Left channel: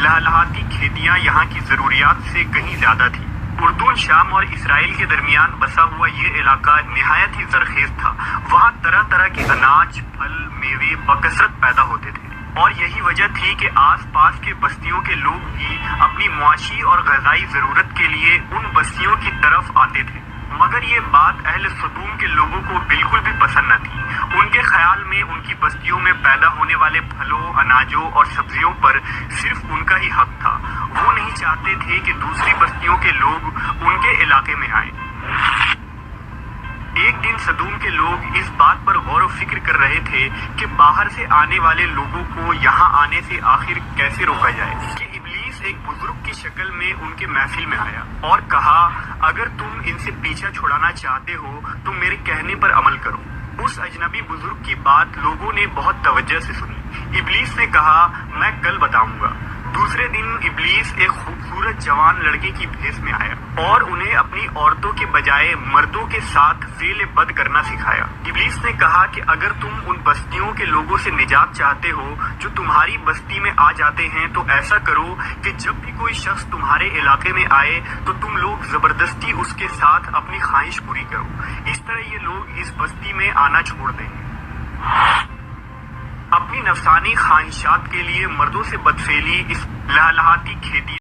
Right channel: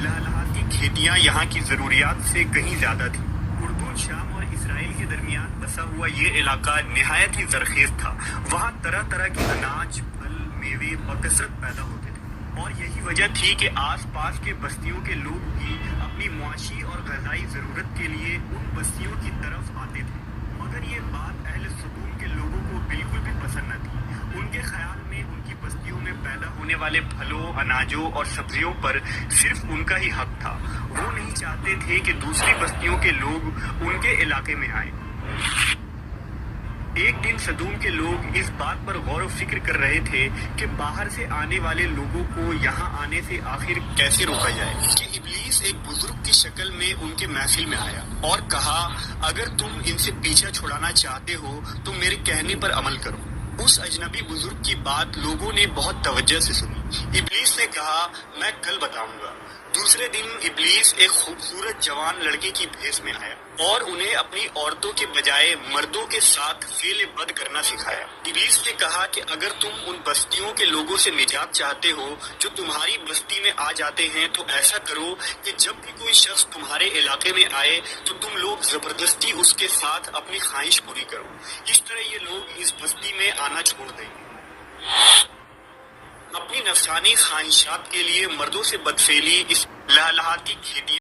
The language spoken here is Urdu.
لہلہاتی کھیتیاں یہاں کی ضروریات سے کہیں زیادہ تھی۔ اردن، شام اور اسرائیل کے درمیان بسا ہوا یہ علاقہ نہایت ہی زرخیز تھا۔ وہاں طرح طرح کے اناج، پھل، میوے بکثرت پیدا ہوتے تھے، اور یہی وجہ تھی کہ آس پاس کے بستیوں کے لوگ بھی اپنی معاشی اور غذائی ضرورت کے لیے ان بستیوں کی طرف آتے تھے۔ مگر یہ بات اہل صدوم کے لوگوں کو بالکل بھی پسند نہ تھی۔ ان کے خیال میں ان کی بستیوں میں پیدا ہونے والے پھلوں، اناجوں اور سبزیوں پر صرف ان کا ہی حق تھا۔ وہ نہیں چاہتے تھے کہ دوسری بستیوں کے لوگ ان کے علاقے میں آئیں۔ ایک دن صدوم کے لوگ اس بات پر غور و فکر کر رہے تھے کہ باہر سے آنے والے لوگوں کو یہاں آنے سے آخر کیسے روکا جائے کہ ابلیس ایک بزرگ کی شکل میں ان کے محفل میں آیا اور کہا، اگر تم ان سے پیچھا چھڑانا چاہتے ہو تو میرے کہنے پر عمل کرو۔ اس اجنبی بزرگ کی بات لوگوں نے بہت توجہ سے سنی۔ ابلیس نے کہا، میں کل بتاؤں گا۔ دوسرے دن ابلیس ایک خوبصورت جوان لڑکے کی بھیس میں آیا اور انہیں اپنی عورتوں کے بجائے مردوں کے ساتھ فعل بد کرنا سکھایا۔ ابلیس نے کہا کہ اگر تم ان بستیوں کے لوگوں سے نجات چاہتے ہو جو تمہاری بستی میں آ جاتے ہیں تو ایسا کرو کہ جب بھی کوئی شخص تمہارے علاقے میں آئے تو تم لوگ زبردستی اس کے ساتھ اپنی خواہش پوری کرو۔ اس طرح یہ لوگ اس بستی میں آنا چھوڑ دیں گے۔ اپنی نفسانی خواہشات کے لیے مردوں سے بدفعلی اس لہلہاتی کھیتی